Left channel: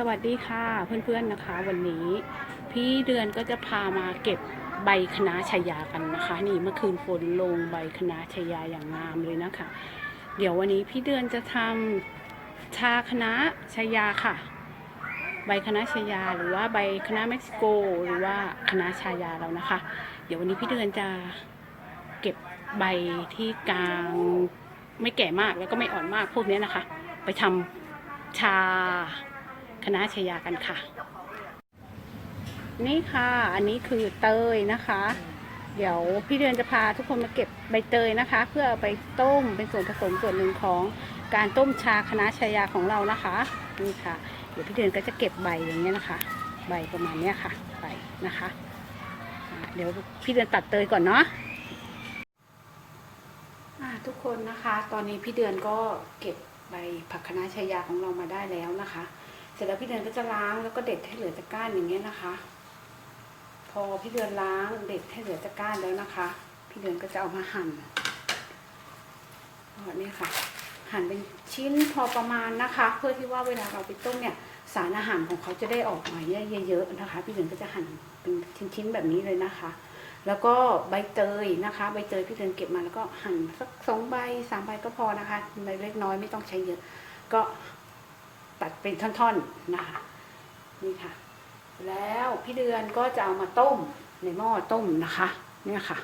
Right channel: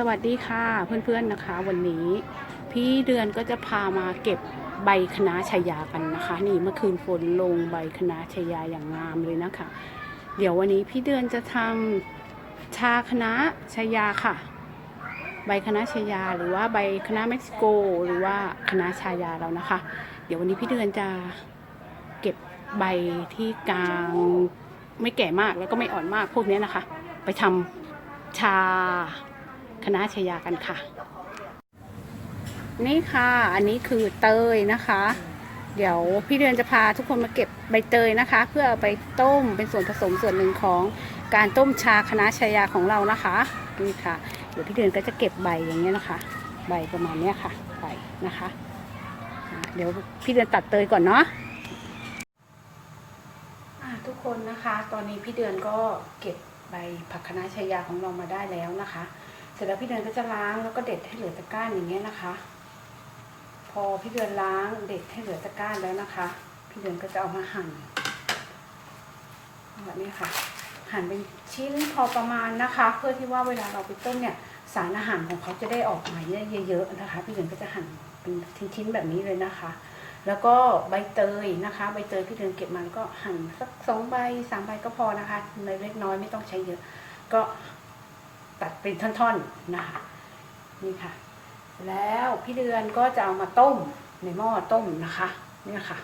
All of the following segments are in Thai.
สวัสดีค่ะเพื่อนๆนะคะ วันนี้พี่เดือนก็จะพามาเก็บใบคณะชายากันนะคะ นี่เมื่อคืนฝนลงใบคณะชายาอย่างงามเลยนะคะ เดี๋ยววันนี้พี่เดือนจะทำชาคณะชายาค่ะ ใบคณะชายาหรือว่าใบคณะเม็กซิโก หรือว่าคณะชายาเรานะคะ เดี๋ยววันนี้พี่เดือนจะเก็บใบที่กลางไม่แก่มากแล้วก็ไม่อ่อนมากพวกนี้นะคะ ไปทำชา คณะชยากันค่ะ นี่ค่ะ อันนี้คือเตยนะคะ เดี๋ยวพี่เดือนจะพาทุกคนมาเก็บใบเตยนะคะ เพื่อเอาไปต้มเป็นส่วนผสมส่วนหนึ่งของการต้มชาคณะชายาของเรานะคะนี่ค่ะ เดี๋ยวพี่เดือนก็จะเก็บใบอย่างเงี้ยนะคะ ใบประมาณเนี้ยค่ะใบนะคะเดี๋ยวพี่เดือนตัดเตยก่อนเนาะทุกคนนะคะ ตอนนี้พี่เดือนก็เก็บใบผักคะน้าชายาของเรามาได้แล้วนะคะ เสร็จแล้วพี่เดือนก็จะล้างแล้วก็เด็ดให้เหลือตะก้านอย่างเงี้ยนะคะ พอพี่เดือนล้างเด็ดให้เหลือตะก้านแล้วนะคะ พี่เดือนก็จะเอามาหั่นแบบนี้ค่ะ หั่นเป็นชิ้นพอประมาณนะคะ เพื่อที่ว่าเวลาเราไปต้มเนี่ยสารอาหารของเขาจะได้ออกมาเยอะๆนะคะ พี่เดือนก็จะหั่นเป็นชิ้นๆแบบนี้เลยนะคะ แล้วก็ใบเตยนะคะ ใบเตยพี่เดือนเก็บมาแล้วก็หั่นสักสองใบสามใบก็พอนะคะเล็กน้อยไม่ต้องใช้เยอะ ก็ ตัดเป็นท่อนๆนะคะนี่ค่ะ แล้วพี่เดือนก็จะเอามาต้มในหม้อต้มนะคะเนี่ยค่ะ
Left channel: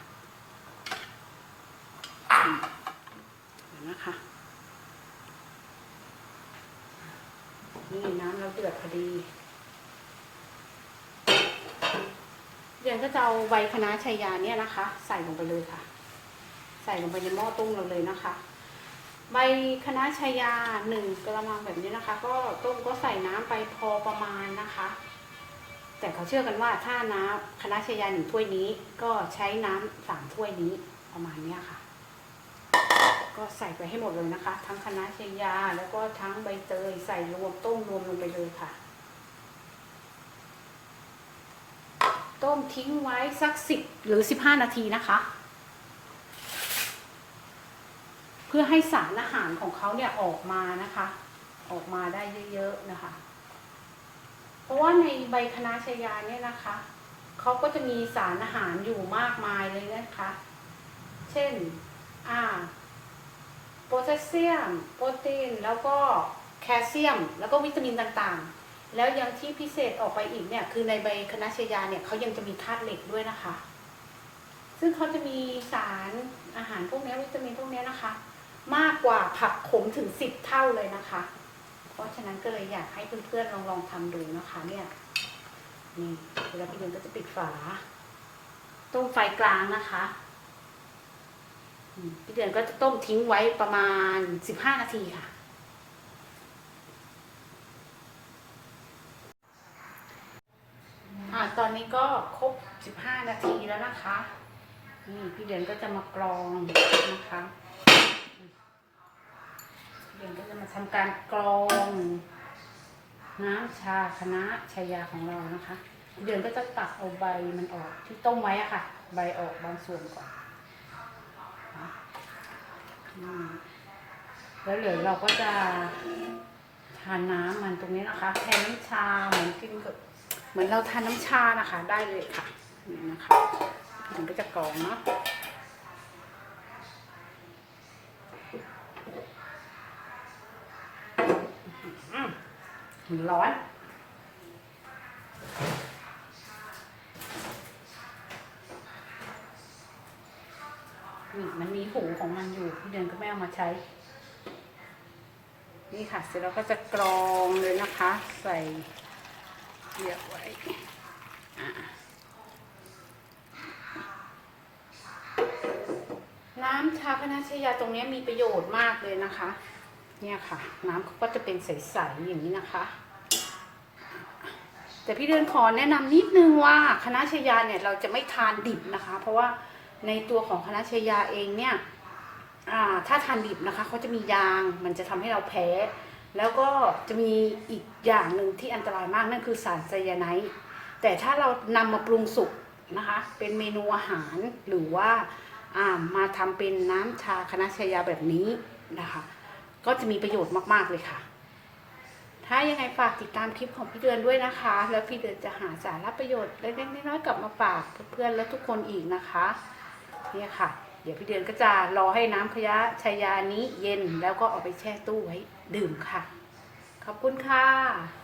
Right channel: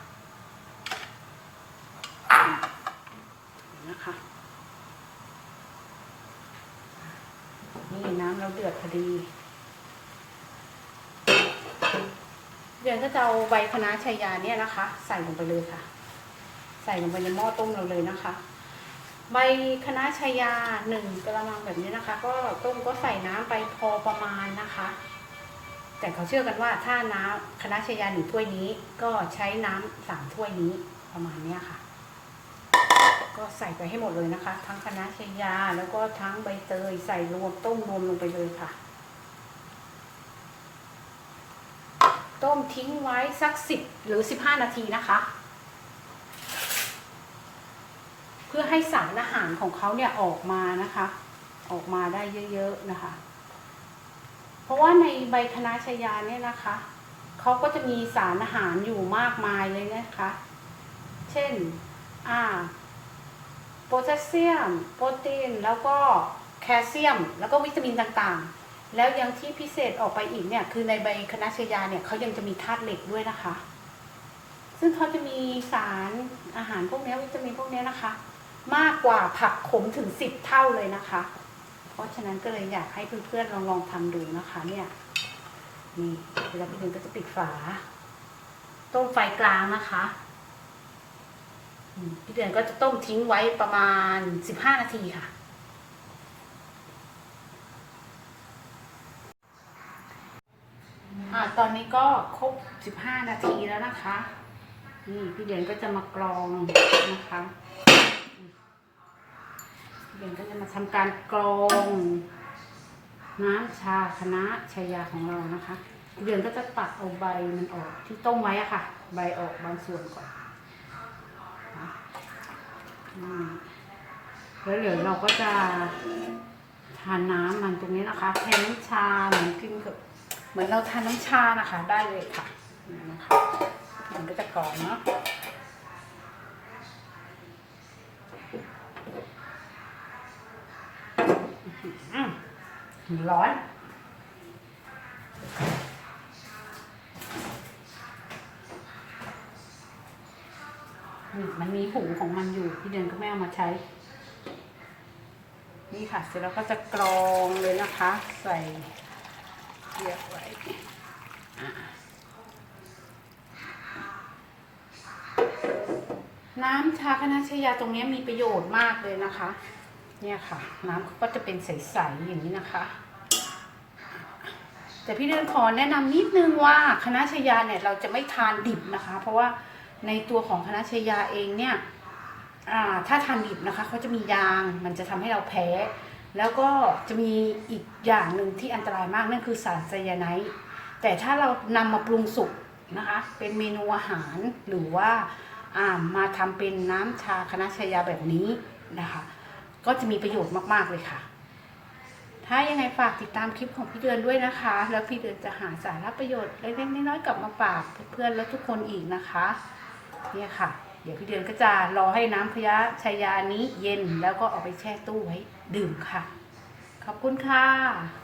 อืมเห็นนะคะนี่น้ำเราเดือดพอดีเดือนก็จะเอาใบคะน้าชายาเนี่ยนะคะ ใส่ลงไปเลยค่ะ ใส่ลงไปในหม้อต้มเราเลยนะคะ ใบคะน้าชายาหนึ่งกระมังแบบนี้นะคะ ก็ต้มก็ใส่น้ำไปพอประมาณนะคะ แต่เขาเชื่อกันว่าถ้าน้ำคณะชายาหนึ่งถ้วยนี้ ก็ใช้น้ำสามถ้วยนี้ประมาณเนี้ยค่ะ ก็ใส่ไปให้หมดเลยนะคะ ทั้งคณะชายาแล้วก็ทั้งใบเตยใส่รวมต้มนมลงไปเลยค่ะ ต้มทิ้งไว้สักสิบหรือสิบห้านาทีนะคะ เพื่อให้สารอาหารของเขาเนี่ยออกมานะคะ ออกมาได้เยอะๆนะคะ เพราะว่าในใบคณะชายาเนี่ยนะคะเขาก็จะมีสารอาหารอยู่มากมายเลยนะคะ เช่นอ่าโพแทสเซียม โปรตีน แล้วก็แคลเซียม แล้วก็วิตามินต่างๆ แล้วยังที่พิเศษออกไปอีกเนี่ยคือในใบคณะชายาเนี่ยเขายังจะมีธาตุเหล็กด้วยนะคะ ซึ่งเขาจะมีสารอาหารพวกนี้วิตามินพวกนี้นะคะ มากกว่าผักขมถึงสิบเท่าเลยนะคะ เพราะฉะนั้นก็เลยอยากให้เพื่อนๆลองลองทำดูนะคะ เนี่ยนี่เวลาพี่เดือนก็จะปิดฝา ต้มไฟกลางนะคะพี่เดือนก็จะต้มทิ้งไว้ประมาณสิบห้านาทีค่ะอ่าตอนนี้ก็ครบสิบห้านาทีแล้วนะคะ นี่พี่เดือนก็จะมากรองนะคะ เดี๋ยวก็จะมาทำการกรองน้ำชาคณะชายาของเรานะคะเดือนก็จะตักเอาใบมันออกที่ต้มไว้อะค่ะ ใบออกบางส่วนก่อนนะแล้วเหลือเราก็จะทานน้ำมันตรงนี้นะคะแทนน้ำชาเหมือนกินกับเหมือนเราทานน้ำชานะคะ ได้เลยค่ะนะคะมันก็จะกรองเนาะ อืม ร้อนนี่มันมีหูของมันอยู่พี่เดือนก็ไม่เอามาใช้ นี่ค่ะ เสร็จแล้วก็จะกรองเลยนะคะ ใส่เรียบไว้น้ำชาคณะชยาตรงนี้มีประโยชน์มากเลยนะคะ เนี่ยค่ะ น้ำเขาก็จะเป็นใสๆอย่างนี้นะคะ แต่พี่เดือนขอแนะนำนิดนึงว่าคณะชายาเนี่ยเราจะไม่ทานดิบนะคะ เพราะว่าในตัวของคณะชายาเองเนี่ยถ้าทานดิบนะคะเขาจะมียางมันจะทำให้เราแพ้ แล้วก็จะมีอีกอย่างหนึ่งที่อันตรายมากนั่นคือสารไซยาไนด์แต่ถ้าเรานำมาปรุงสุกนะคะ เป็นเมนูอาหารหรือว่าามาทำเป็นน้ำชาคณะชายาแบบนี้นะคะ ก็จะมีประโยชน์มาก ๆ เลยค่ะ ถ้ายังไงฝากติดตามคลิปของพี่เดือนด้วยนะคะ แล้วพี่เดือนจะหาสาระประโยชน์เล็กๆน้อยๆกลับมาฝากเพื่อนๆและทุกคนอีกนะคะเนี่ยค่ะ เดี๋ยวพี่เดือนก็จะรอให้น้ำพยาชายานี้เย็นแล้วก็เอาไปแช่ตู้ไว้ดื่มค่ะ ขอบคุณค่ะ